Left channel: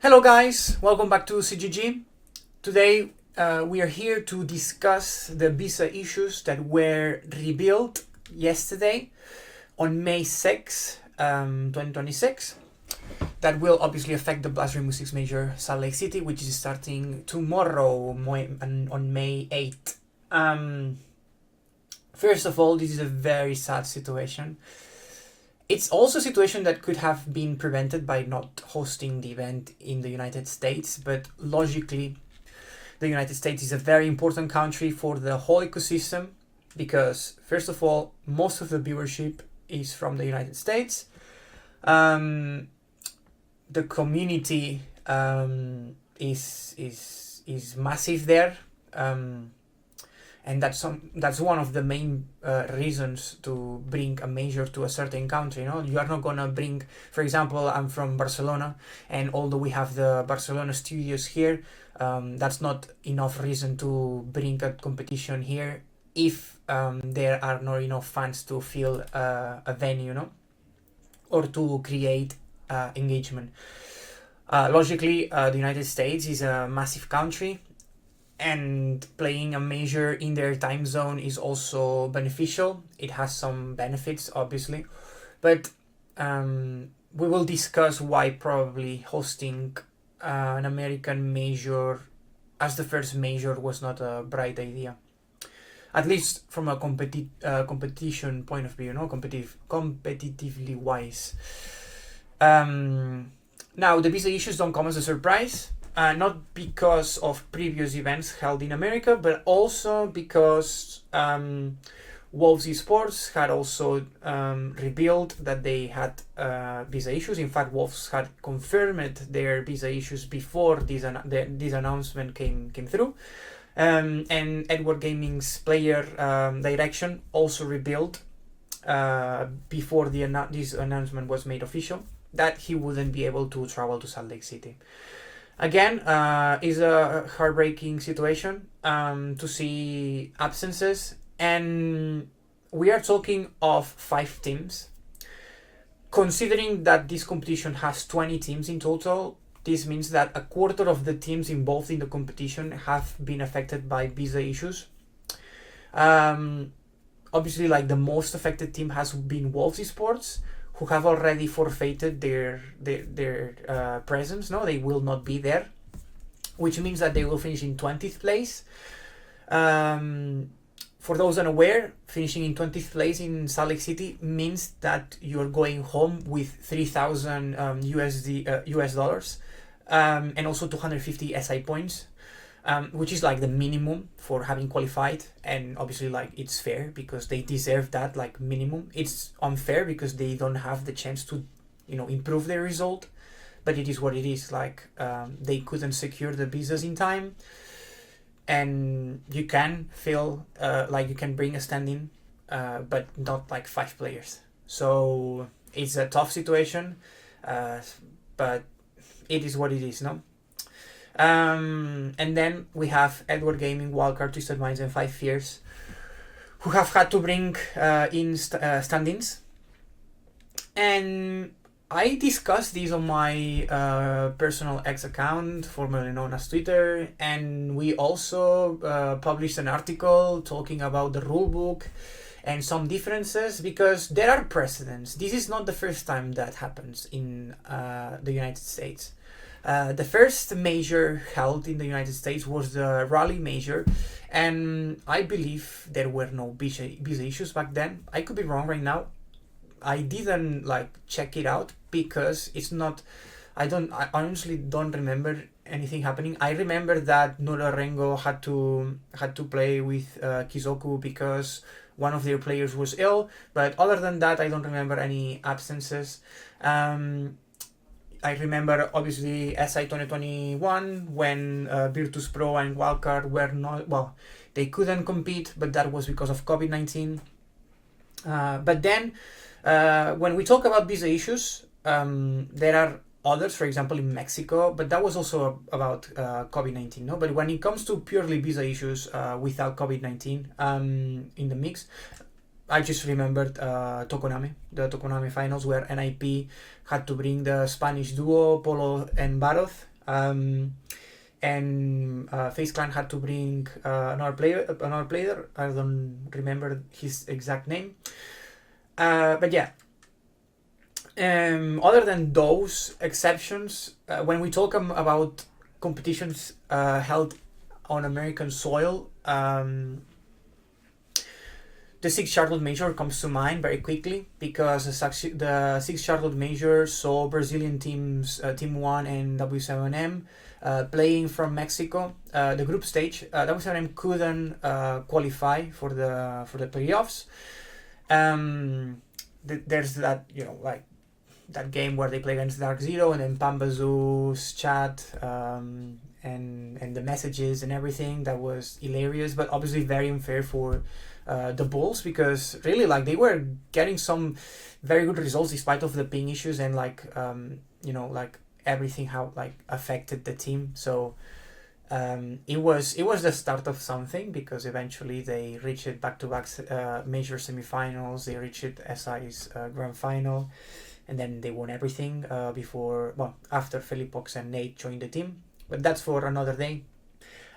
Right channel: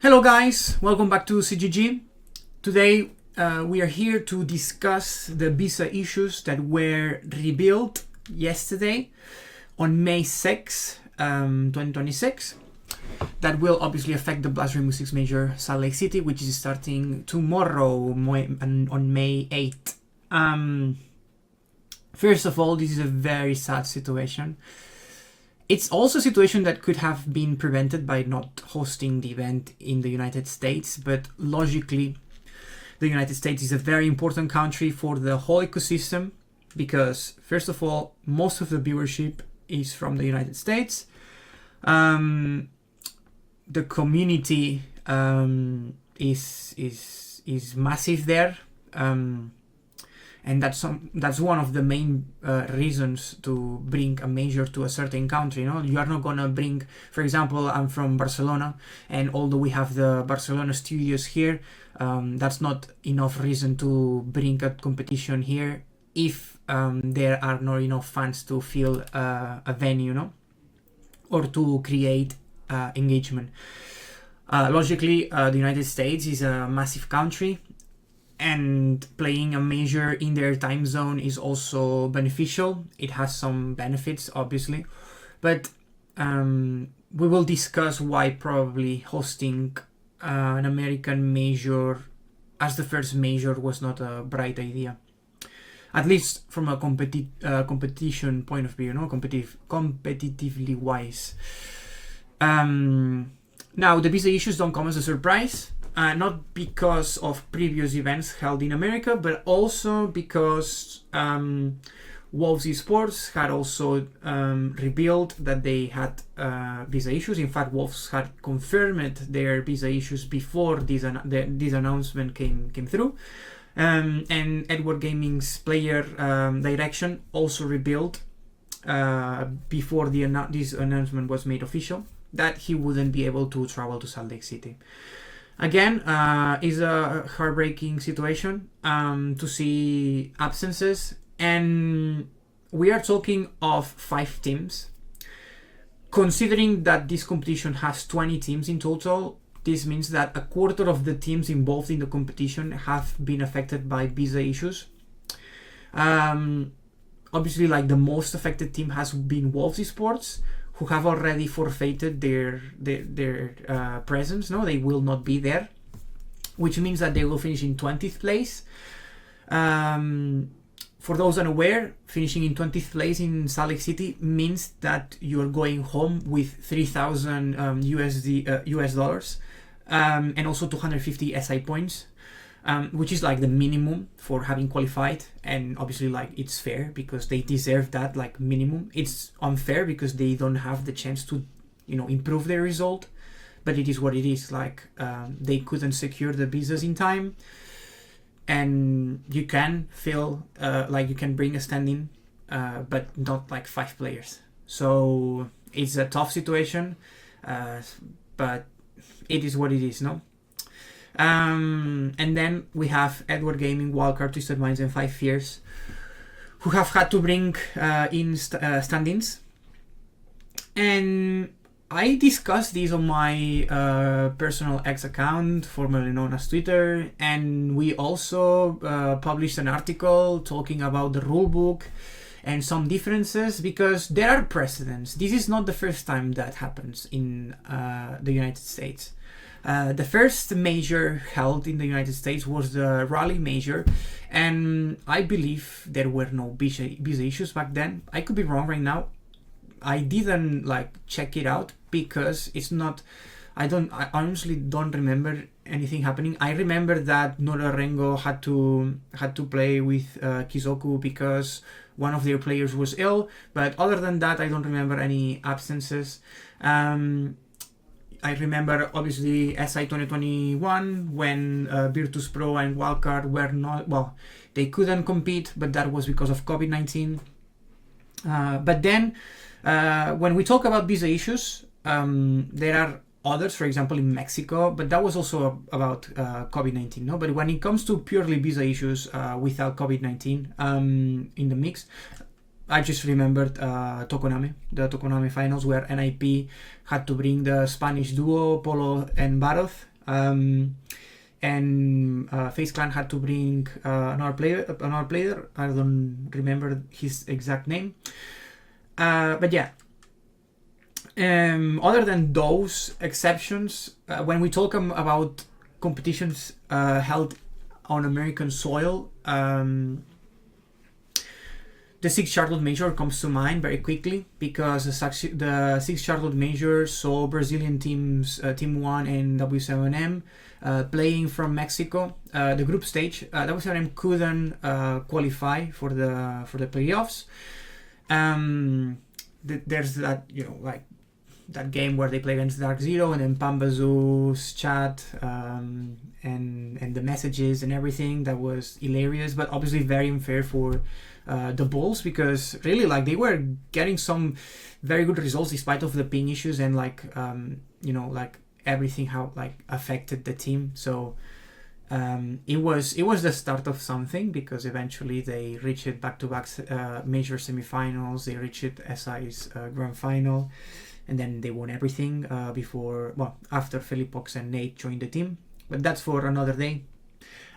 Hello guys, welcome back to CGG. Today we are here to discuss the visa issues that were revealed yesterday on May 6, 2026. That will obviously affect the Blast Rainbow Six Major Salt Lake City, which is starting tomorrow on May 8th. First of all, this is a very sad situation. It's also a situation that could have been prevented by not hosting the event in the United States, but logically, the United States is a very important country for the whole ecosystem because, first of all, most of the viewership is from the United States. The community is massive there. And that's one of the main reasons to bring a major to a certain country. You are not gonna bring, for example, I'm from Barcelona, and although we have the Barcelona studios here, that's not enough reason to bring a competition here if there are not enough fans to fill a venue, or to create engagement. Logically, the United States is a massive country, and playing a major in their time zone is also beneficial. It has some benefits, obviously, but we will discuss why probably hosting an American major as the first major was not a bright idea, at least from a competition point of view, competitively wise. Now, the visa issues don't come as a surprise. Not because of previous events held in America, but also because Wolves Esports had also revealed that they had visa issues. In fact, Wolves had confirmed their visa issues before this announcement came through. And Edward Gaming's player direction also revealed before this announcement was made official that he wouldn't be able to travel to Salt Lake City. Again, is a heartbreaking situation to see absences, and we are talking of 5 teams. Considering that this competition has 20 teams in total, this means that a quarter of the teams involved in the competition have been affected by visa issues. Obviously, the most affected team has been Wolves Esports, who have already forfeited their presence. They will not be there, which means that they will finish in 20th place. For those unaware, finishing in 20th place in Salt Lake City means that you're going home with 3,000 US dollars, and also 250 SI points, which is the minimum for having qualified. And obviously it's fair because they deserve that minimum. It's unfair because they don't have the chance to improve their result, but it is what it is. They couldn't secure the visas in time, and you can feel you can bring a stand-in, but not 5 players. So it's a tough situation, but it is what it is. And then we have Edward Gaming, Wildcard, Twisted Minds, and 5 Fears, who have had to bring in stand-ins. And I discussed this on my personal X account, formerly known as Twitter, and we also published an article talking about the rulebook and some differences, because there are precedents. This is not the first time that happens in the United States. The first major held in the United States was the Rally Major, and I believe there were no visa issues back then. I could be wrong right now. I didn't check it out because it's not. I honestly don't remember anything happening. I remember that Nora Rengo had to play with Kizoku because one of their players was ill. But other than that, I don't remember any absences. I remember obviously SI 2021 when Virtus Pro and Wildcard were not, they couldn't compete, but that was because of COVID-19. But then when we talk about visa issues, there are others, for example, in Mexico, but that was also about COVID-19, no? But when it comes to purely visa issues without COVID-19 in the mix, I just remembered Tokonami, the Tokonami finals where NIP had to bring the Spanish duo Polo and Baroth, and FaZe Clan had to bring another player. I don't remember his exact name, but yeah. Other than those exceptions, when we talk about competitions held on American soil, the Six Charlotte Major comes to mind very quickly because the Six Charlotte Major saw Brazilian teams Team 1 and W7M playing from Mexico. The group stage, W7M couldn't qualify for the playoffs. There's that, like that game where they play against Dark Zero, and then Pambazoo's chat and the messages and everything, that was hilarious, but obviously very unfair for the Bulls, because really, like, they were getting some very good results despite of the ping issues and like like everything how like affected the team. So it was the start of something, because eventually they reached back-to-back major semifinals. They reached SI's grand final, and then they won everything after Felipox and Nate joined the team. But that's for another day.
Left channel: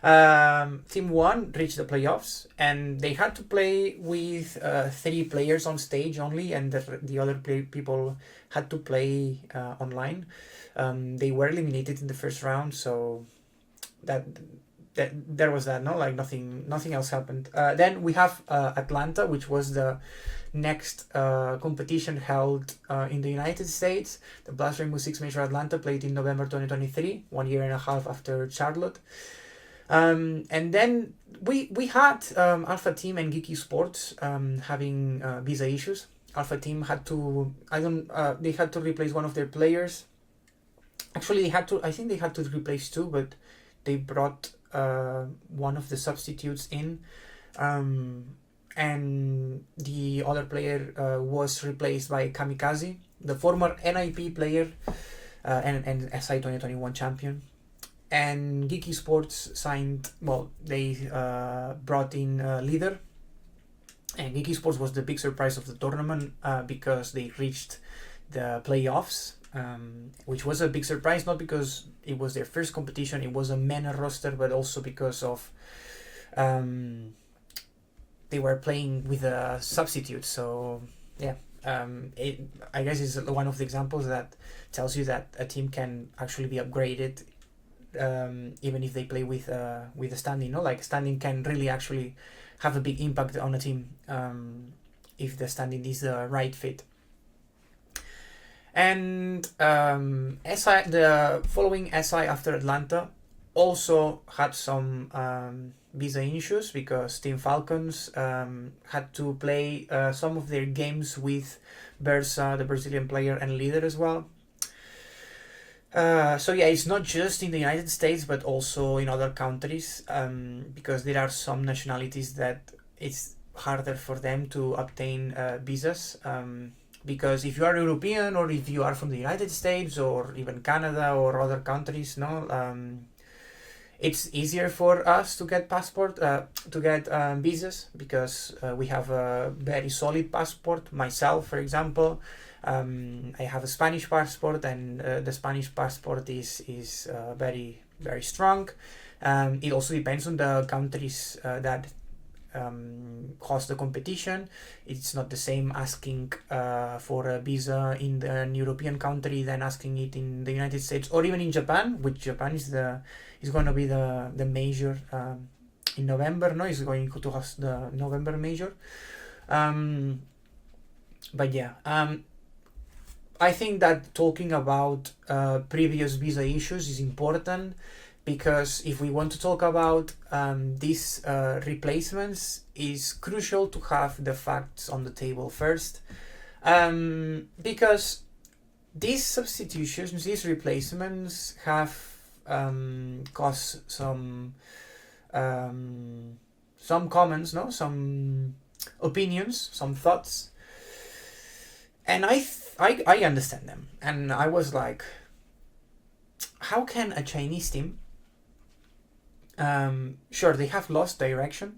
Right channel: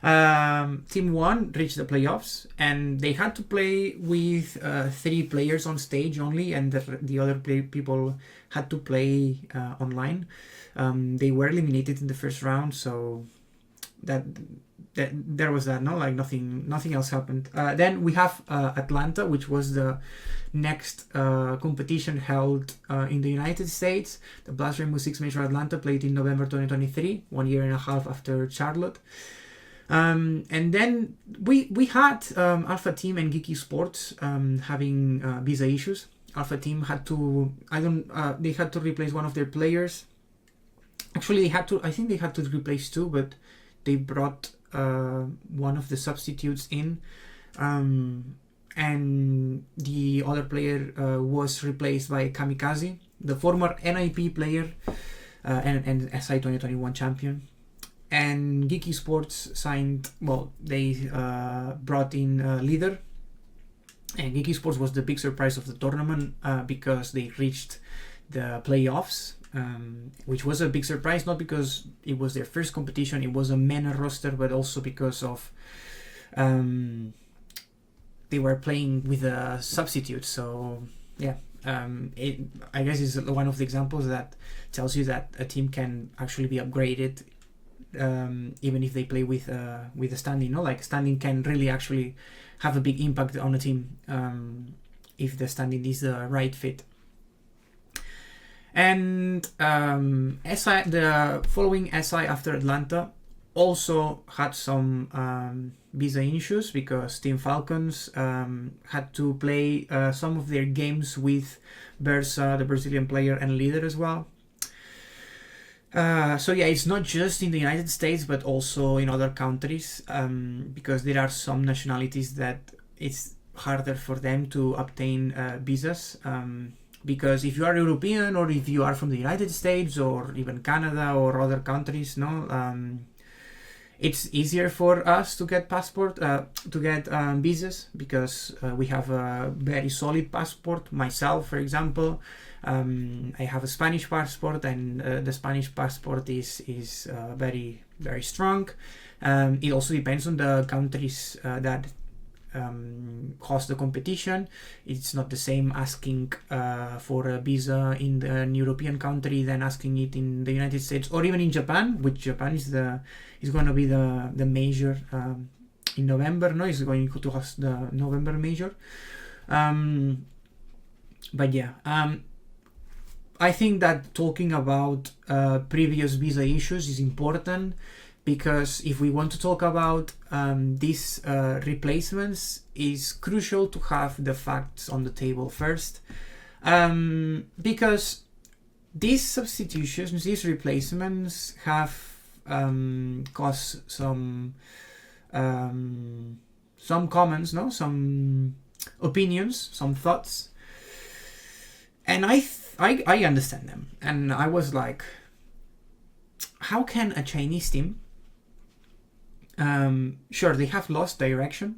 Team 1 reached the playoffs, and they had to play with 3 players on stage only, and the other people had to play online. They were eliminated in the first round, so that there was that. No, like nothing else happened. Then we have Atlanta, which was the next competition held in the United States. The Blast Rainbow Six Major Atlanta played in November 2023, 1 year and a half after Charlotte. And then we had Alpha Team and Geeky Sports having visa issues. Alpha Team had to they had to replace one of their players. Actually, I think they had to replace 2, but they brought one of the substitutes in, and the other player was replaced by Kamikaze, the former NIP player and SI 2021 champion. And Geeky Sports they brought in Leader, and Geeky Sports was the big surprise of the tournament because they reached the playoffs, which was a big surprise, not because it was their first competition, it was a MENA roster, but also because of they were playing with a substitute. So yeah, I guess is one of the examples that tells you that a team can actually be upgraded even if they play with a standing. Like standing can really actually have a big impact on a team if the standing is the right fit. And SI, the following SI after Atlanta, also had some visa issues because Team Falcons had to play some of their games with Bersa, the Brazilian player, and Leader as well. So yeah, it's not just in the United States, but also in other countries, because there are some nationalities that it's harder for them to obtain visas. Because if you are European, or if you are from the United States or even Canada or other countries, it's easier for us to get visas, because we have a very solid passport. Myself, for example, I have a Spanish passport, and the Spanish passport is very, very strong. It also depends on the countries that host the competition. It's not the same asking for a visa in an European country than asking it in the United States or even in Japan, which Japan is going to be the major in November. No, it's going to host the November major. But yeah, I think that talking about previous visa issues is important, because if we want to talk about these replacements, it's crucial to have the facts on the table first, because these substitutions, these replacements have caused some comments, some opinions, some thoughts, and I understand them. And I was like, how can a Chinese team, sure, they have lost direction,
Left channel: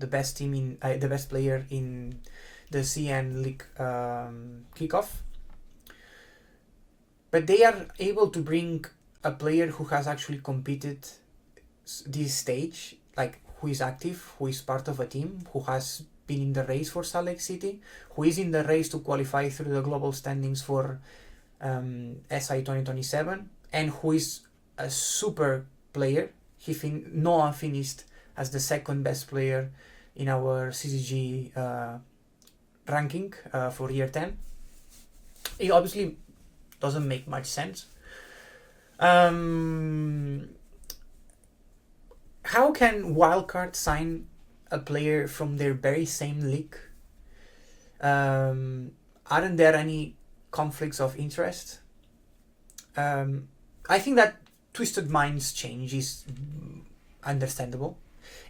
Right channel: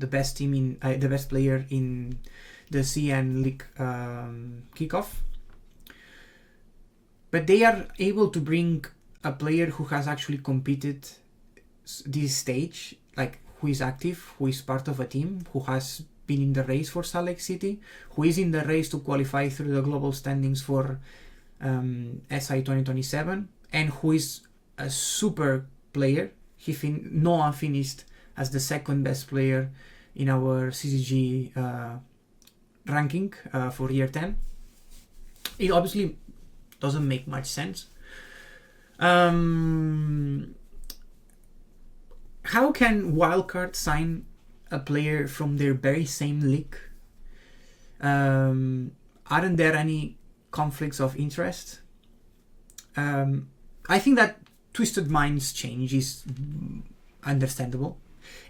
the best team in the best player in the CN League kickoff. But they are able to bring a player who has actually competed this stage, like who is active, who is part of a team, who has been in the race for Salt Lake City, who is in the race to qualify through the global standings for SI 2027, and who is a super player. Noah finished as the second best player in our CCG ranking for year 10. It obviously doesn't make much sense. How can Wildcard sign a player from their very same league? Aren't there any conflicts of interest? I think that Twisted Minds change is understandable,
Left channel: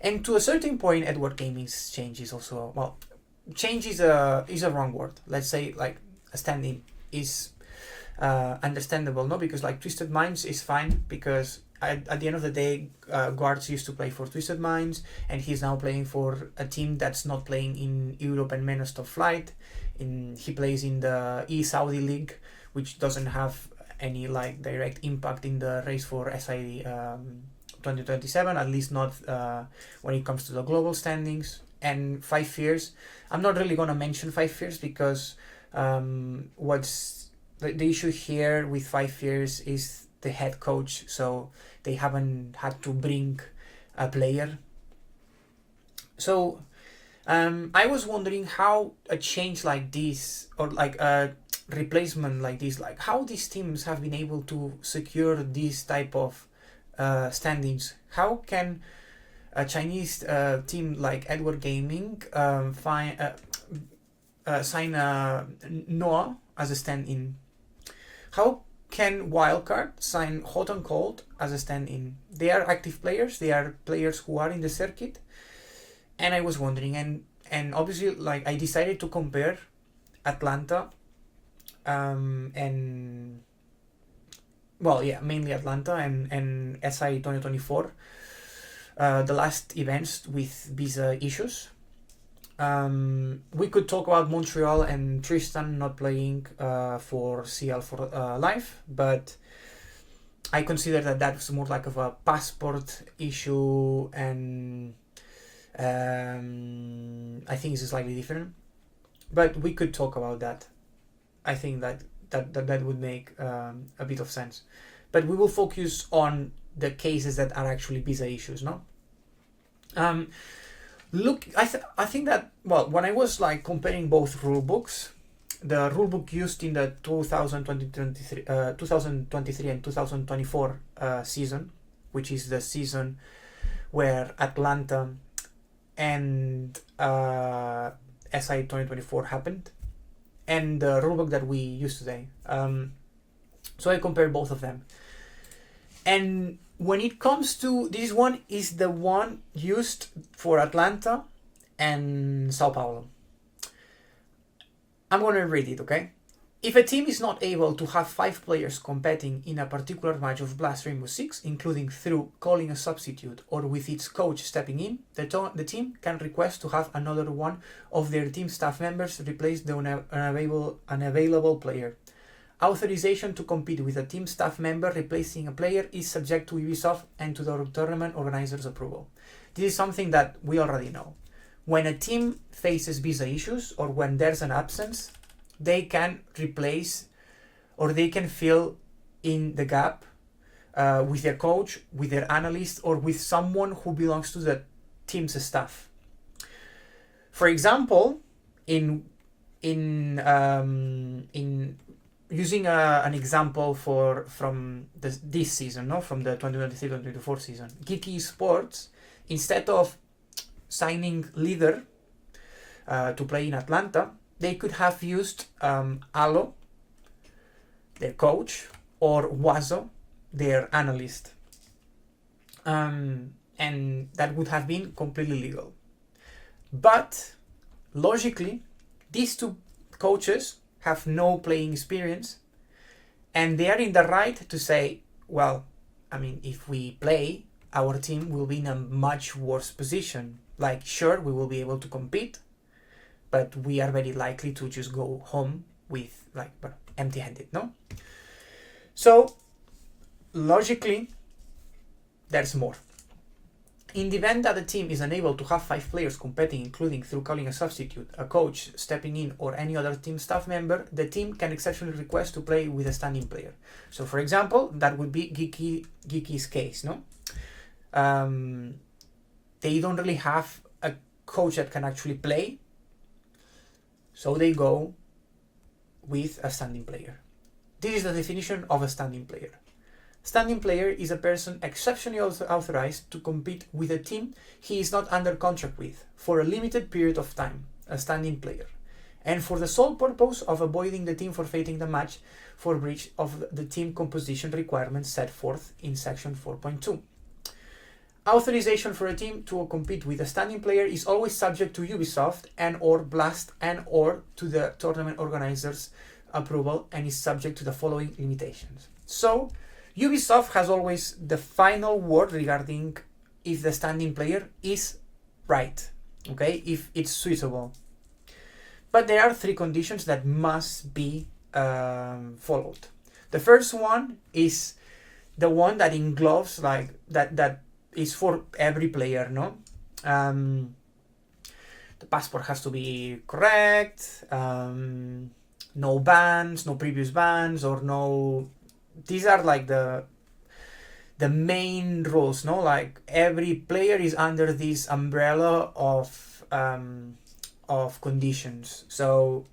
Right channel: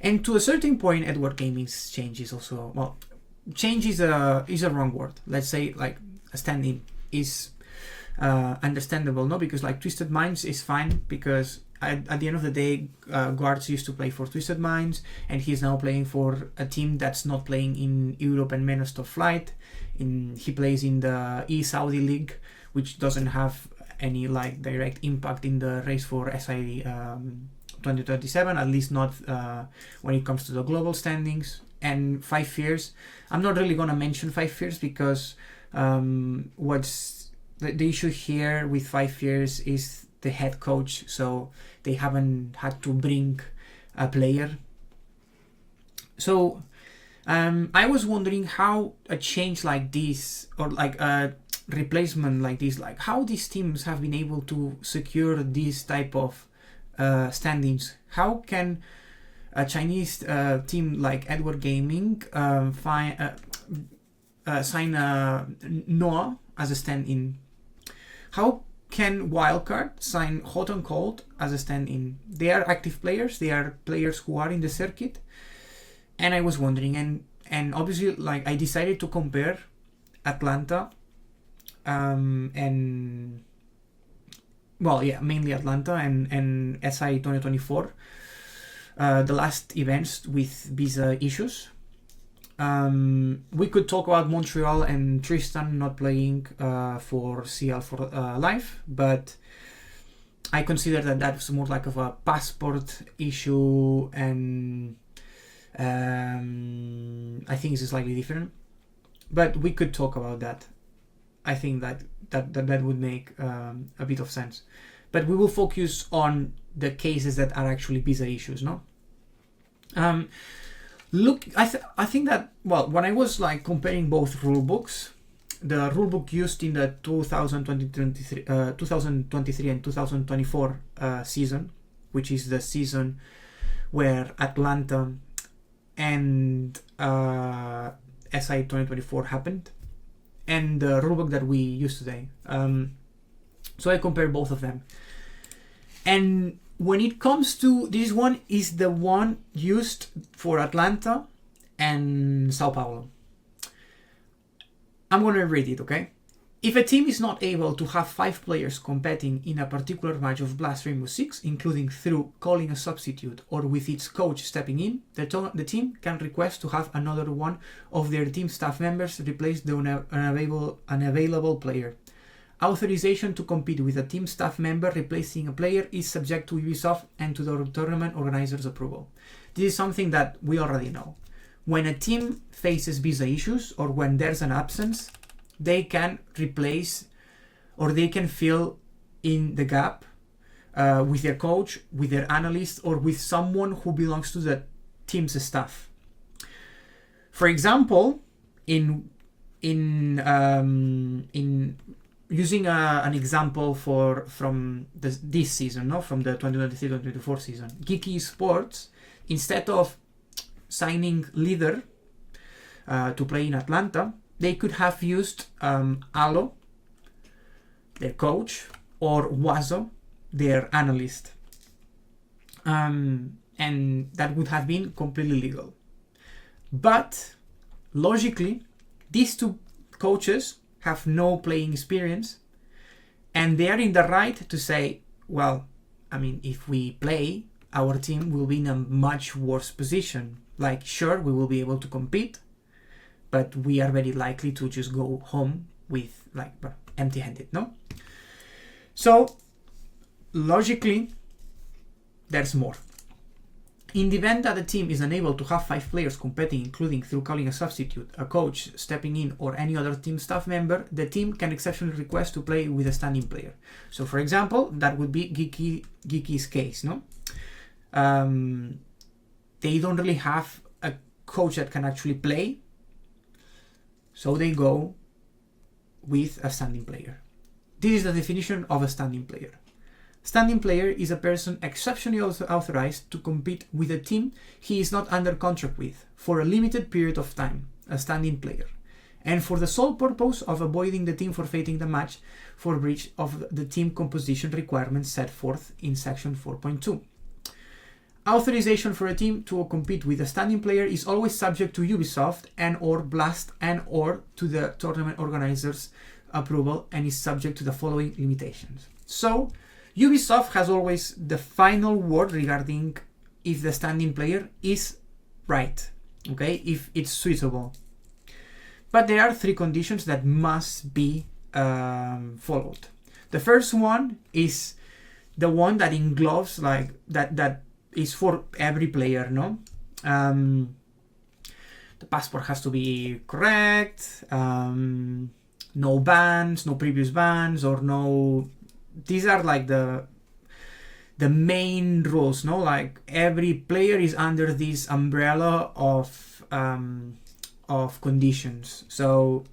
and to a certain point, Edward Gaming's change is also, well, change is a wrong word. Let's say like a stand-in is understandable, no? Because like Twisted Minds is fine because at the end of the day, Guards used to play for Twisted Minds, and he's now playing for a team that's not playing in Europe and Men of Top Flight. He plays in the E-Saudi League, which doesn't have any like direct impact in the race for SI 2027, at least not when it comes to the global standings. And Five Fears, I'm not really gonna mention Five Fears because what's the issue here with Five Fears is the head coach, so they haven't had to bring a player. So I was wondering how a change like this, or like a replacement like this, like how these teams have been able to secure this type of standings. How can a Chinese team like Edward Gaming sign Noah as a stand-in? How can Wildcard sign Hot and Cold as a stand-in? They are active players. They are players who are in the circuit. And I was wondering, and obviously, like, I decided to compare Atlanta and, well, yeah, mainly Atlanta and SI 2024, the last events with visa issues. We could talk about Montreal and Tristan not playing for CL for life, but I consider that that was more like of a passport issue, and I think it's slightly different. But we could talk about that. I think that would make a bit of sense. But we will focus on the cases that are actually visa issues, no? Look, I think that, well, when I was like comparing both rulebooks, the rulebook used in the 2023 and 2024 season, which is the season where Atlanta and SI 2024 happened, and the rulebook that we use today. So I compare both of them. And when it comes to this one, is the one used for Atlanta and Sao Paulo. I'm going to read it, okay? If a team is not able to have 5 players competing in a particular match of Blast Rainbow Six, including through calling a substitute or with its coach stepping in, the team can request to have another one of their team staff members replace the unavailable player. Authorization to compete with a team staff member replacing a player is subject to Ubisoft and to the tournament organizer's approval. This is something that we already know. When a team faces visa issues or when there's an absence, they can replace or they can fill in the gap with their coach, with their analyst, or with someone who belongs to the team's staff. For example, in using an example from this season, no, from the 2023-2024 season, Geeky Sports, instead of signing Leader to play in Atlanta, they could have used Alo, their coach, or Wazo, their analyst. And that would have been completely legal. But logically, these two coaches have no playing experience, and they are in the right to say, well, I mean, if we play, our team will be in a much worse position. like, sure, we will be able to compete, but we are very likely to just go home with like empty-handed, no? So logically, there's more. In the event that a team is unable to have 5 players competing, including through calling a substitute, a coach stepping in, or any other team staff member, the team can exceptionally request to play with a standing player. So, for example, that would be Geeky's case, no? They don't really have a coach that can actually play, so they go with a standing player. This is the definition of a standing player. Standing player is a person exceptionally authorized to compete with a team he is not under contract with for a limited period of time, a standing player, and for the sole purpose of avoiding the team forfeiting the match for breach of the team composition requirements set forth in section 4.2. Authorization for a team to compete with a standing player is always subject to Ubisoft and or Blast and or to the tournament organizer's approval, and is subject to the following limitations. So, Ubisoft has always the final word regarding if the standing player is right, okay, if it's suitable. But there are 3 conditions that must be followed. The first one is the one that engloves like that is for every player, no? The passport has to be correct, no bans, no previous bans, or no. These are like the main rules, no? Like every player is under this umbrella of conditions. So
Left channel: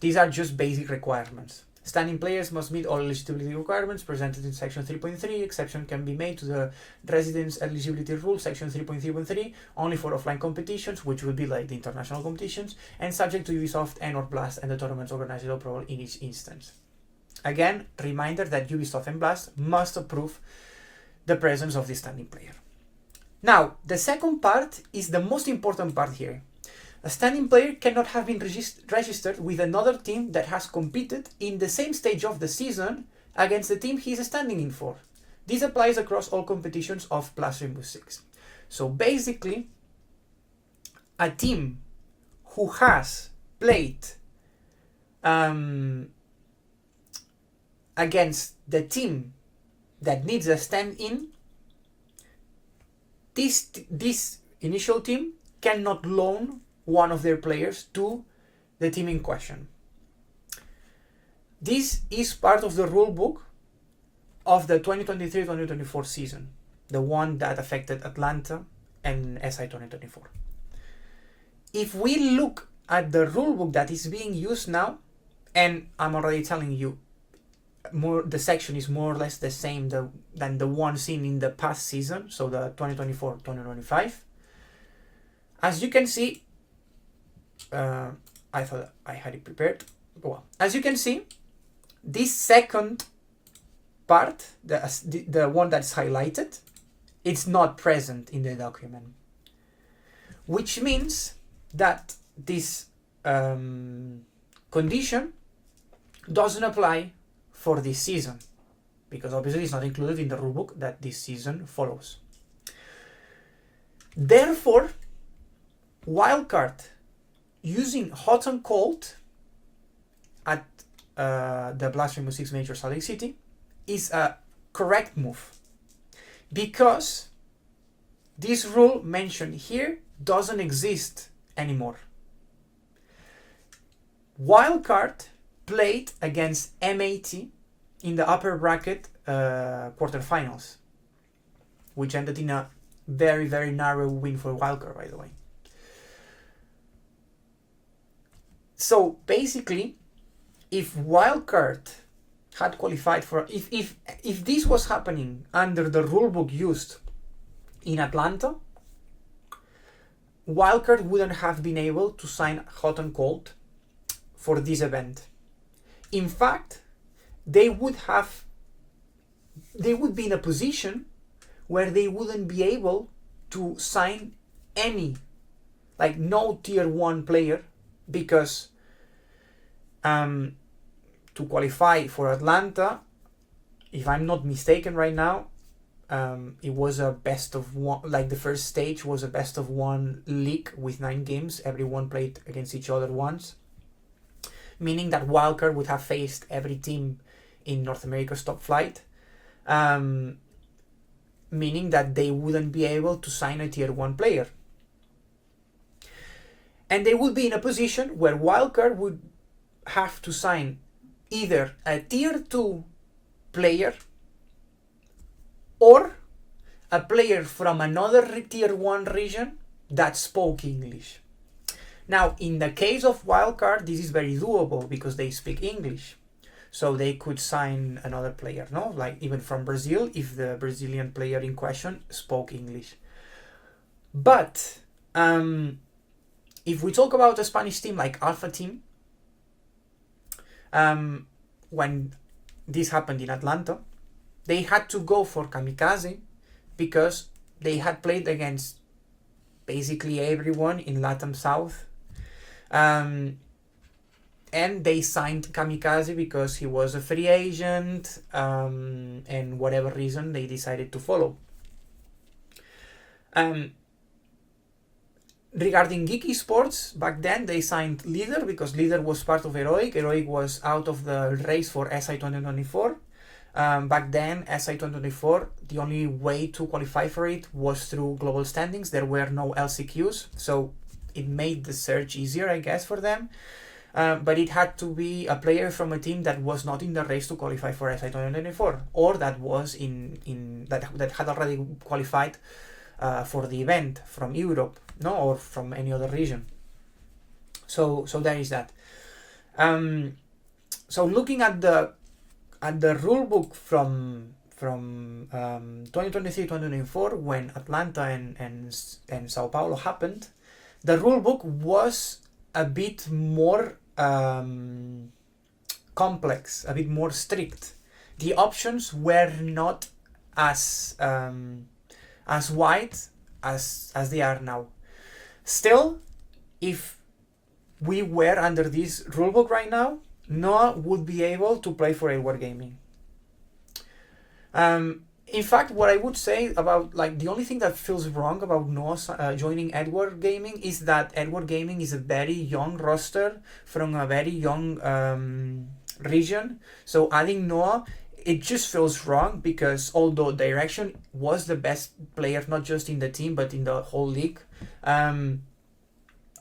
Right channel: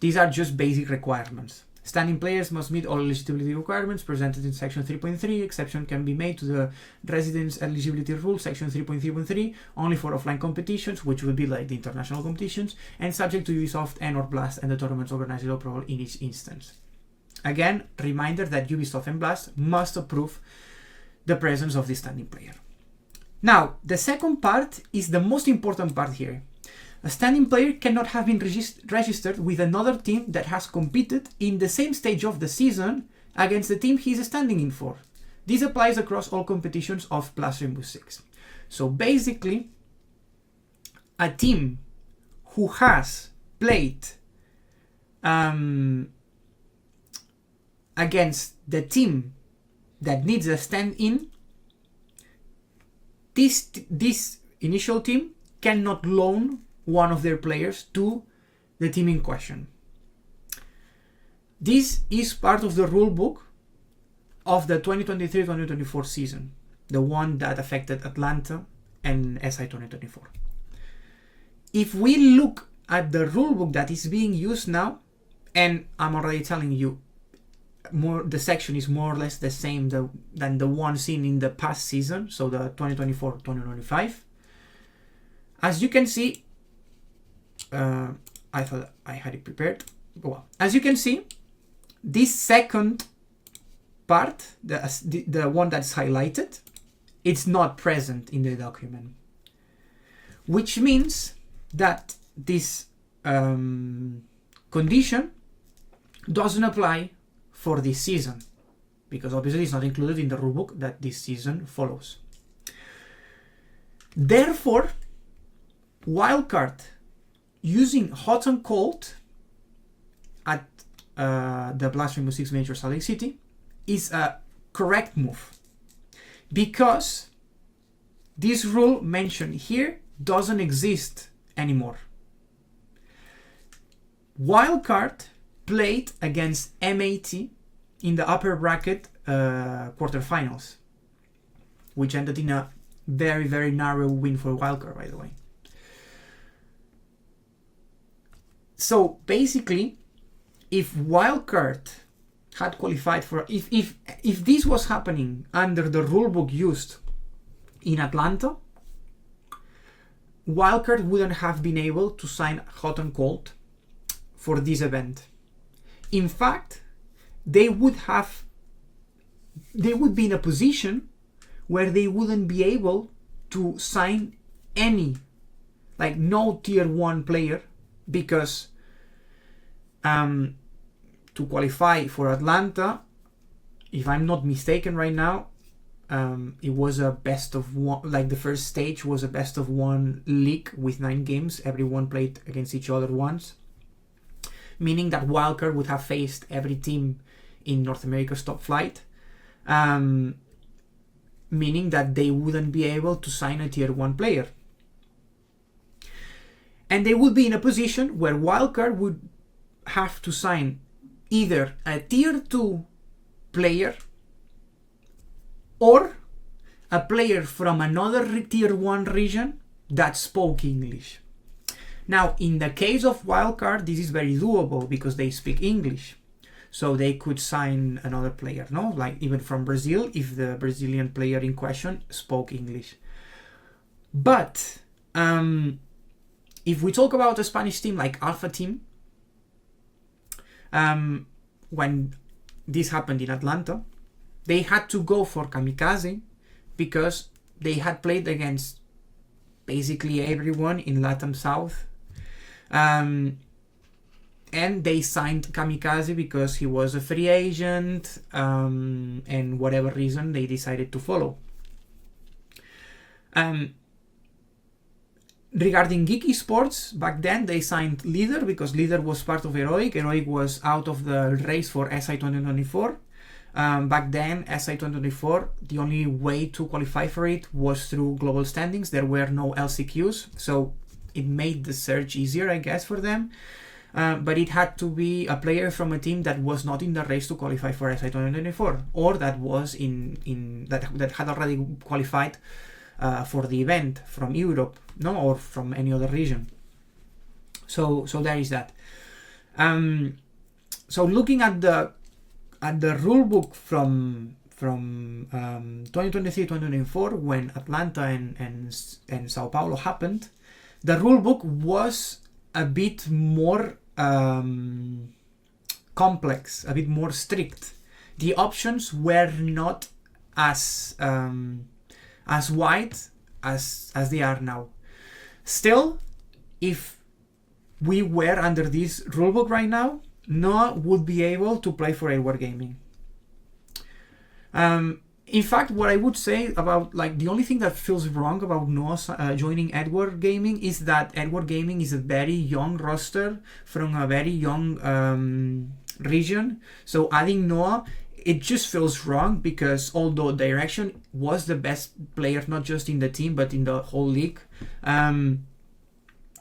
these are just basic requirements. Standing players must meet all eligibility requirements presented in section 3.3. Exception can be made to the residence eligibility rule, section 3.3.3, only for offline competitions, which would be like the international competitions, and subject to Ubisoft and or Blast and the tournament's organizer approval in each instance. Again, reminder that Ubisoft and Blast must approve the presence of this standing player. Now, the second part is the most important part here. A standing player cannot have been registered with another team that has competed in the same stage of the season against the team he is standing in for. This applies across all competitions of Plus Rainbow Six. So basically, a team who has played against the team that needs a stand-in, this initial team cannot loan one of their players to the team in question. This is part of the rulebook of the 2023-2024 season, the one that affected Atlanta and SI 2024. If we look at the rulebook that is being used now, and I'm already telling you, the section is more or less the same than the one seen in the past season, so the 2024-2025. As you can see, I thought I had it prepared. Well, as you can see, this second part, the one that's highlighted, it's not present in the document, which means that this condition doesn't apply for this season, because obviously it's not included in the rulebook that this season follows. Therefore, wildcard using hot and cold at the Blast Rainbow Six Major Salt Lake City is a correct move, because this rule mentioned here doesn't exist anymore. Wildcard played against MAT in the upper bracket quarterfinals, which ended in a very, very narrow win for Wildcard, by the way. So basically, if Wildcard had qualified for, if this was happening under the rulebook used in Atlanta, Wildcard wouldn't have been able to sign hot and cold for this event. In fact, they would be in a position where they wouldn't be able to sign any, like no tier 1 player, because to qualify for Atlanta, if I'm not mistaken right now, it was a best of one, like the first stage was a best of one league with 9 games. Everyone played against each other once, meaning that wildcard would have faced every team in North America's top flight, meaning that they wouldn't be able to sign a tier 1 player. And they would be in a position where wildcard would have to sign either a tier 2 player or a player from another tier 1 region that spoke English. Now, in the case of wildcard, this is very doable because they speak English. So they could sign another player, no? Like even from Brazil, if the Brazilian player in question spoke English. But if we talk about a Spanish team like Alpha Team, when this happened in Atlanta, they had to go for Kamikaze because they had played against basically everyone in LATAM South. And they signed Kamikaze because he was a free agent, and whatever reason they decided to follow. Regarding Geeky Sports, back then they signed Leader because Leader was part of Heroic. Heroic was out of the race for SI 2024. Back then, SI 2024, the only way to qualify for it was through global standings. There were no LCQs, so it made the search easier, I guess, for them. But it had to be a player from a team that was not in the race to qualify for SI 2024, or that was that had already qualified for the event from Europe, no, or from any other region. So there is that. So looking at the rulebook from 2023-2024, when Atlanta and Sao Paulo happened, the rulebook was a bit more complex, a bit more strict. The options were not as wide as they are now. Still, if we were under this rulebook right now, Noah would be able to play for Edward Gaming. In fact, what I would say about, like, the only thing that feels wrong about Noah joining Edward Gaming is that Edward Gaming is a very young roster from a very young region. So adding Noah, it just feels wrong because although Direction was the best player, not just in the team, but in the whole league,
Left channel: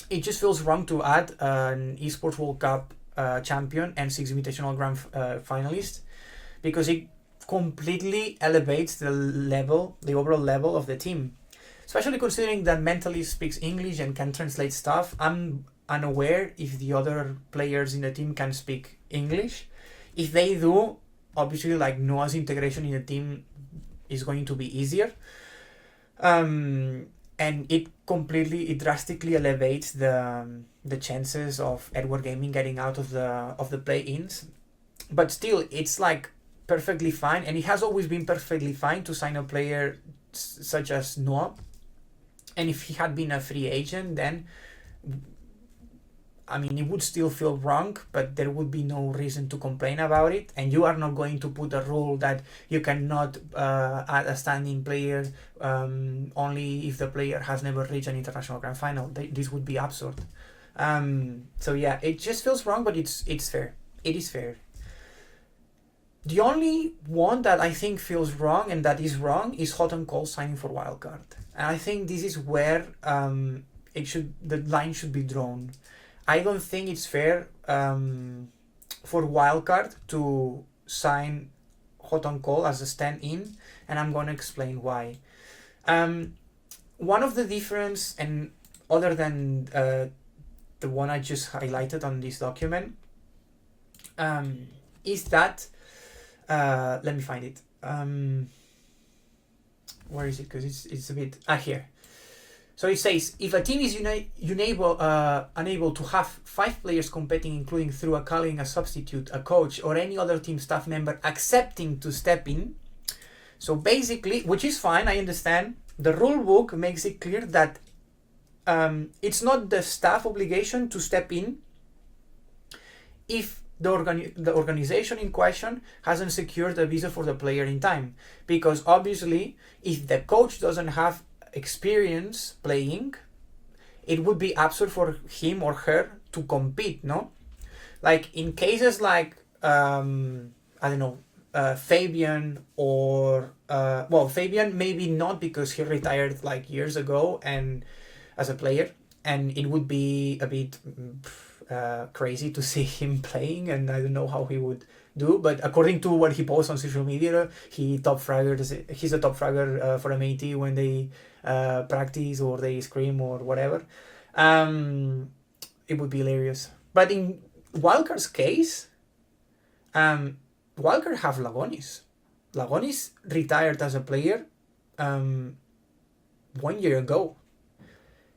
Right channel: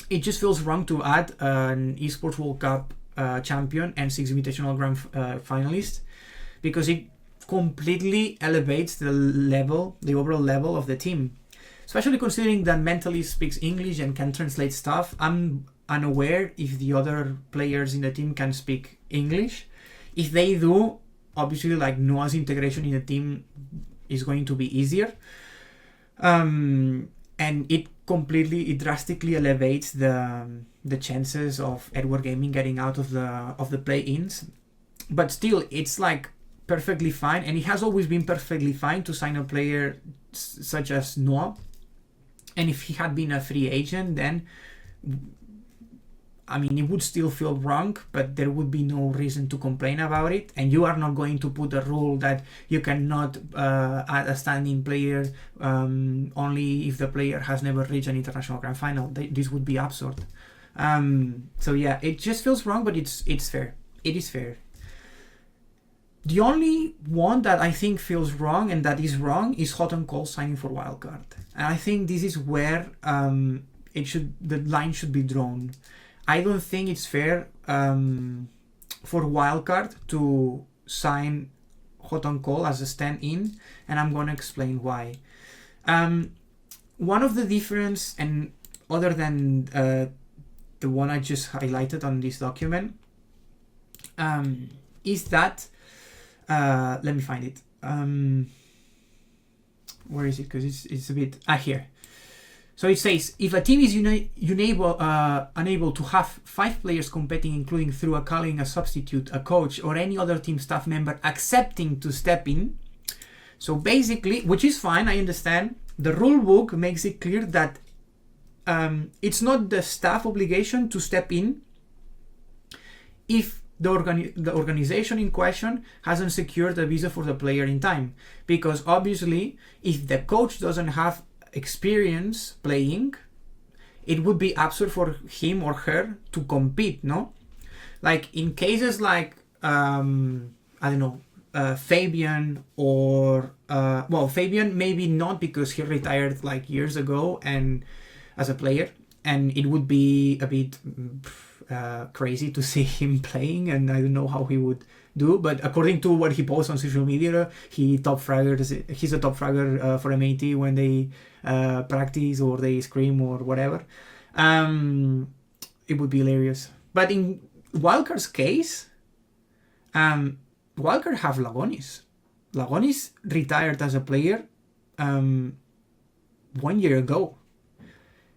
it just feels wrong to add an Esports World Cup champion and 6 Invitational Grand finalist, because it completely elevates the overall level of the team, especially considering that Mentally speaks English and can translate stuff. I'm unaware if the other players in the team can speak English. If they do, obviously, like, Noah's integration in the team is going to be easier, and it drastically elevates the chances of Edward Gaming getting out of the play-ins. But still, it's like perfectly fine, and it has always been perfectly fine to sign a player such as Noah. And if he had been a free agent, then I mean, it would still feel wrong, but there would be no reason to complain about it. And you are not going to put a rule that you cannot add a standing player only if the player has never reached an international grand final. This would be absurd. So yeah, it just feels wrong, but it's fair. It is fair. The only one that I think feels wrong and that is wrong is Hot and Cold signing for Wildcard. And I think this is where the line should be drawn. I don't think it's fair for Wildcard to sign Hot and Cold as a stand-in, and I'm going to explain why. One of the difference, and other than the one I just highlighted on this document, is that let me find it. Where is it? Because it's a bit here. So it says, if a team is unable to have 5 players competing, including through calling a substitute, a coach, or any other team staff member accepting to step in. So basically, which is fine, I understand, the rule book makes it clear that it's not the staff obligation to step in if the organization in question hasn't secured a visa for the player in time, because obviously if the coach doesn't have experience playing, it would be absurd for him or her to compete, no? Like in cases like I don't know, Fabian, or Fabian maybe not, because he retired like years ago and as a player, and it would be a bit crazy to see him playing, and I don't know how he would do. But according to what he posts on social media, he's a top fragger for MAT when they practice or they scream or whatever. It would be hilarious. But in Wildcard's case, Wildcard have Lagonis. Lagonis retired as a player 1 year ago.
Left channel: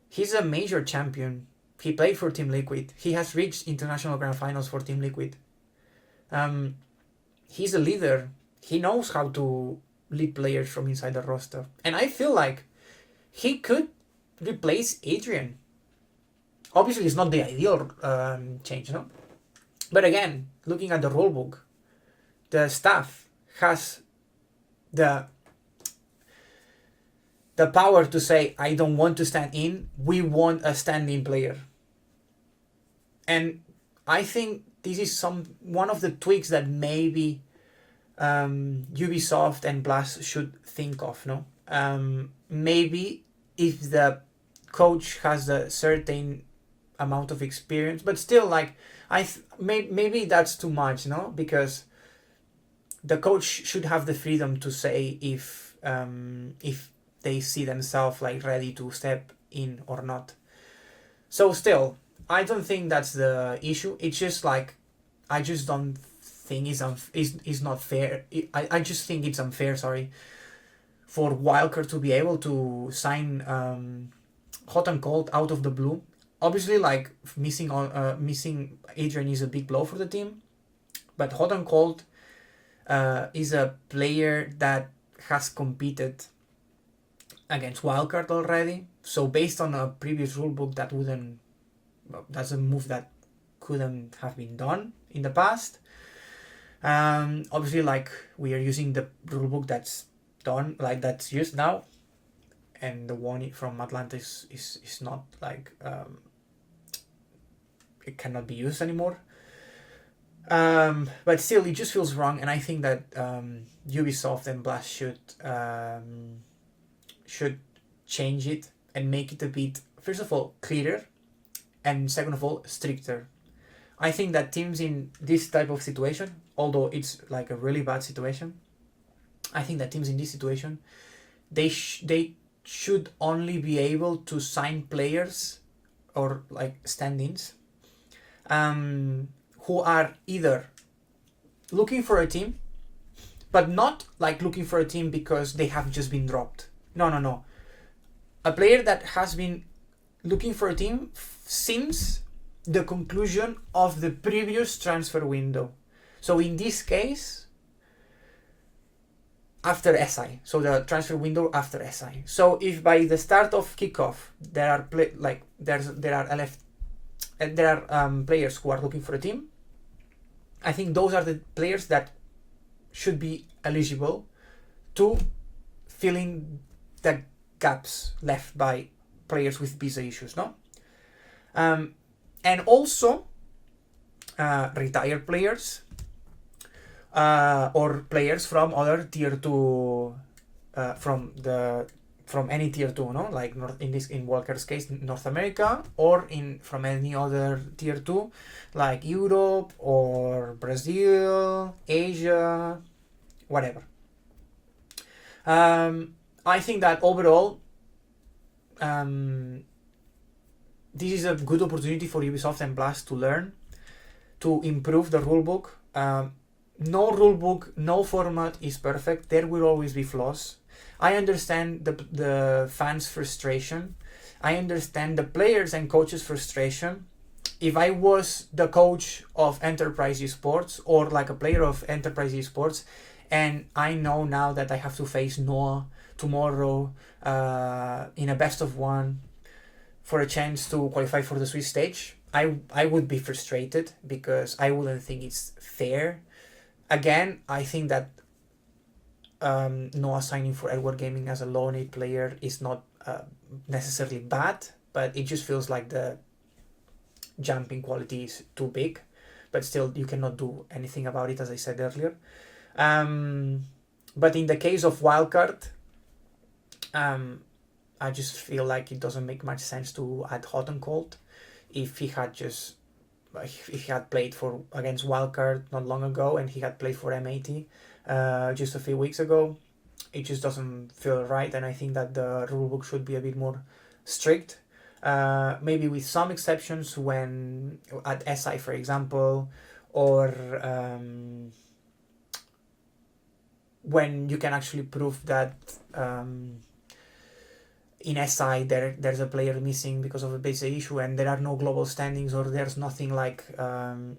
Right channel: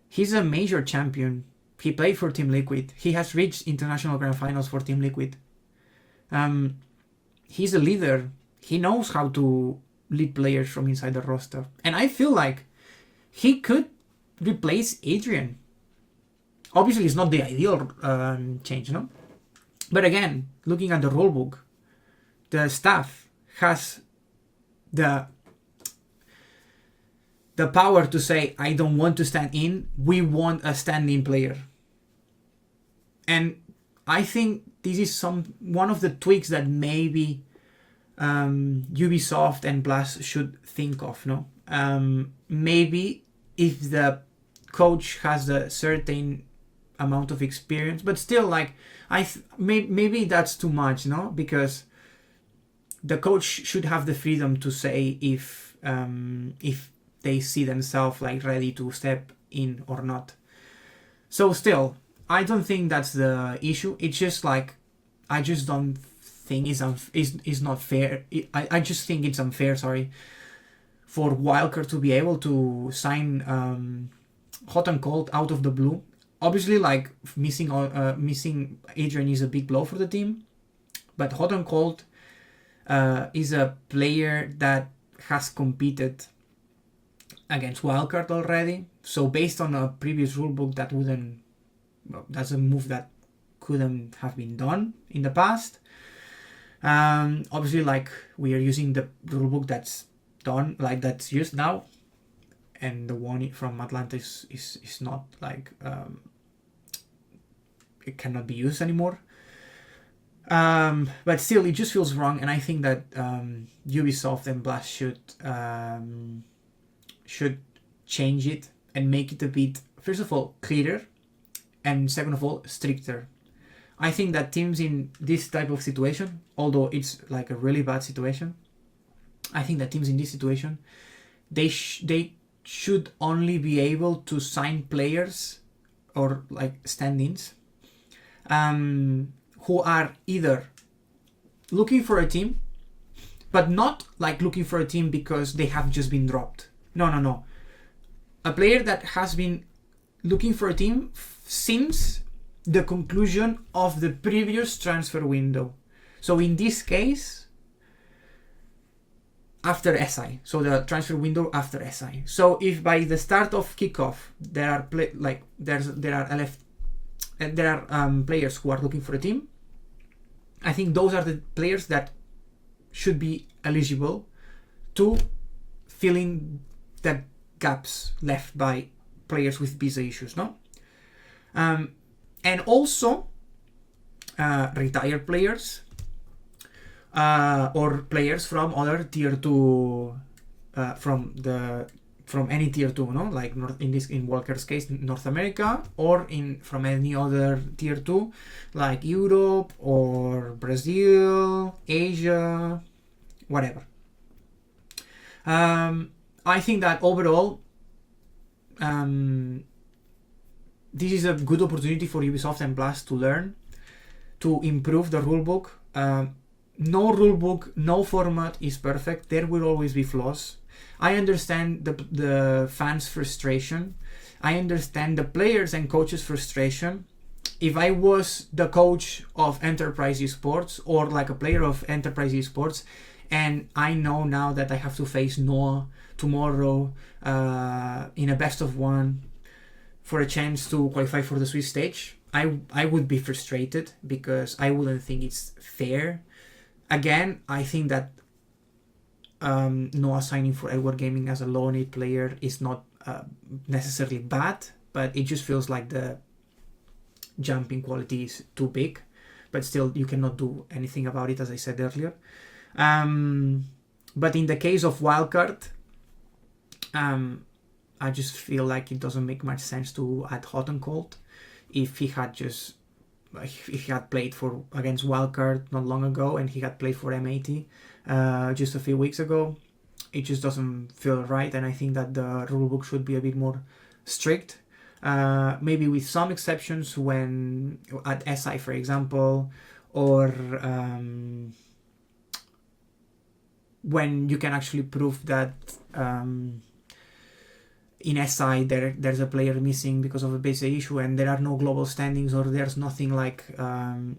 He's a major champion. He played for Team Liquid. He has reached international grand finals for Team Liquid. He's a leader. He knows how to lead players from inside the roster. And I feel like he could replace Adrian. Obviously, it's not the ideal change, no? But again, looking at the rulebook, the staff has the power to say, I don't want to stand in, we want a standing player. And I think this is one of the tweaks that maybe Ubisoft and Blast should think of, no? Maybe if the coach has a certain amount of experience, but still, like, maybe that's too much, no? Because the coach should have the freedom to say if they see themselves like ready to step in or not. So still, I don't think that's the issue. It's just like, I just don't think it's not fair. I just think it's unfair, for Wildcard to be able to sign Hot and Cold out of the blue. Obviously, like, missing Adrian is a big blow for the team, but Hot and Cold is a player that has competed against Wildcard already. So based on a previous rulebook, that's a move that couldn't have been done in the past. Obviously, like, we are using the rulebook that's done, like, that's used now, and the one from Atlanta is not, like, it cannot be used anymore. But still, it just feels wrong, and I think that Ubisoft and Blast should change it and make it a bit, first of all, clearer, and second of all, stricter. I think that teams in this type of situation, although it's like a really bad situation, I think that teams in this situation, they should only be able to sign players or like stand-ins who are either looking for a team, but not like looking for a team because they have just been dropped. No. A player that has been looking for a team since the conclusion of the previous transfer window. So in this case, after SI, so the transfer window after SI. So if by the start of kickoff there are players who are looking for a team, I think those are the players that should be eligible to fill in the gaps left by players with visa issues, no? And also retired players or players from other tier 2 from any tier 2, no? Like in Walker's case, North America, or from any other tier 2 like Europe or Brazil, Asia, whatever. I think that overall this is a good opportunity for Ubisoft and Blast to learn, to improve the rulebook. No rulebook, no format is perfect. There will always be flaws. I understand the fans' frustration. I understand the players and coaches' frustration. If I was the coach of Enterprise Esports or like a player of Enterprise Esports, and I know now that I have to face Noah tomorrow in a best of one for a chance to qualify for the Swiss stage, I would be frustrated because I wouldn't think it's fair. Again, I think that no assigning for Edward Gaming as a low need player is not necessarily bad, but it just feels like the jumping quality is too big. But still, you cannot do anything about it, as I said earlier. But in the case of Wildcard, I just feel like it doesn't make much sense to add Hot and Cold. If he had played for against Wildcard not long ago, and he had played for M80 just a few weeks ago, it just doesn't feel right. And I think that the rulebook should be a bit more strict. Maybe with some exceptions when at SI, for example, or when you can actually prove that in SI there's a player missing because of a basic issue and there are no global standings, or there's nothing like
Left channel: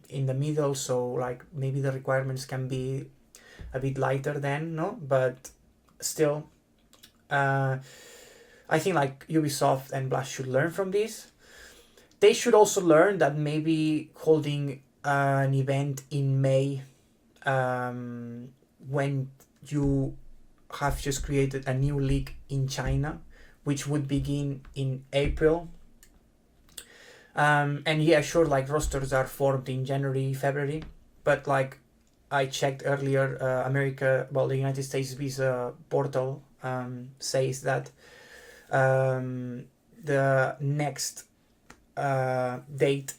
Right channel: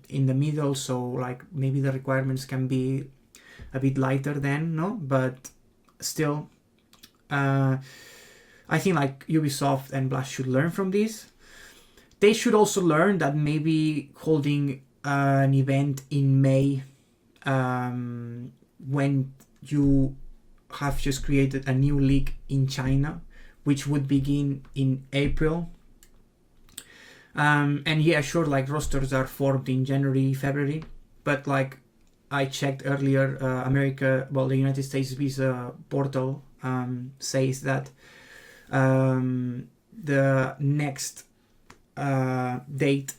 in the middle, so like maybe the requirements can be a bit lighter then, no? But still, I think like Ubisoft and Blast should learn from this. They should also learn that maybe holding an event in May, when you have just created a new league in China, which would begin in April. And yeah, sure, like rosters are formed in January, February, but like I checked earlier, the United States visa portal says that the next date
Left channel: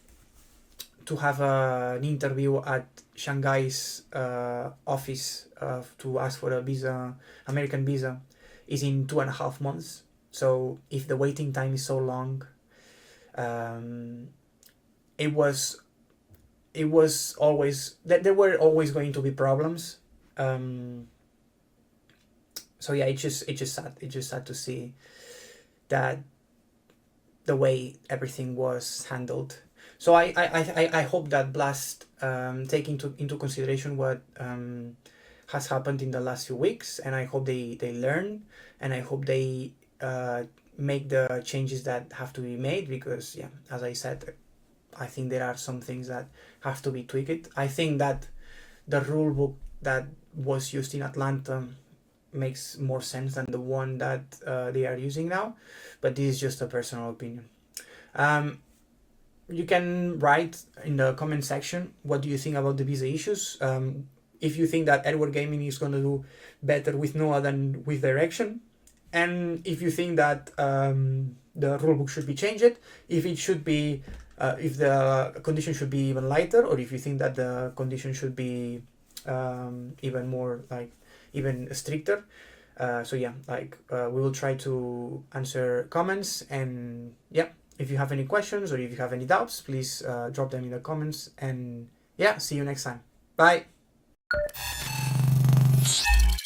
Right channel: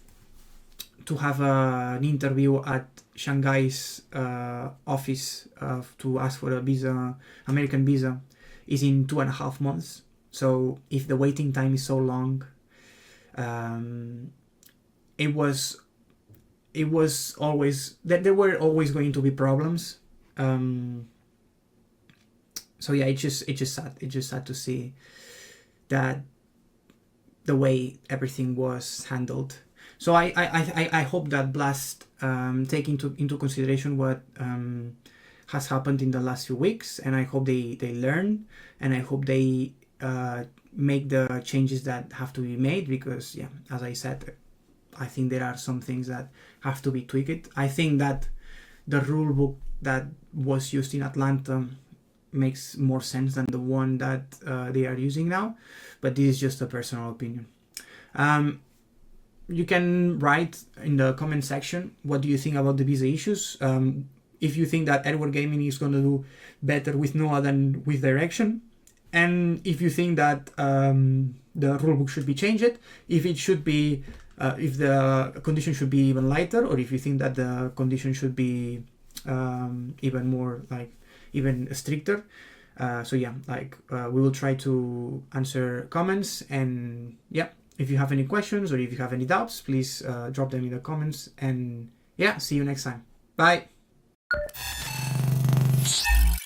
to have an interview at Shanghai's office to ask for a visa, American visa, is in 2.5 months. So if the waiting time is so long, it was always that there were always going to be problems. So yeah, it's just sad. It's just sad to see that the way everything was handled. So I hope that Blast take into consideration what has happened in the last few weeks, and I hope they learn, and I hope they make the changes that have to be made, because yeah, as I said, I think there are some things that have to be tweaked. I think that the rule book that was used in Atlanta makes more sense than the one that they are using now, but this is just a personal opinion. You can write in the comment section what do you think about the visa issues. If you think that Edward Gaming is going to do better with Noah than with Direction, and if you think that the rulebook should be changed, if it should be if the condition should be even lighter, or if you think that the condition should be even more like even stricter. So yeah, like we will try to answer comments, and yeah, if you have any questions or if you have any doubts, please drop them in the comments, and yeah, see you next time. Bye.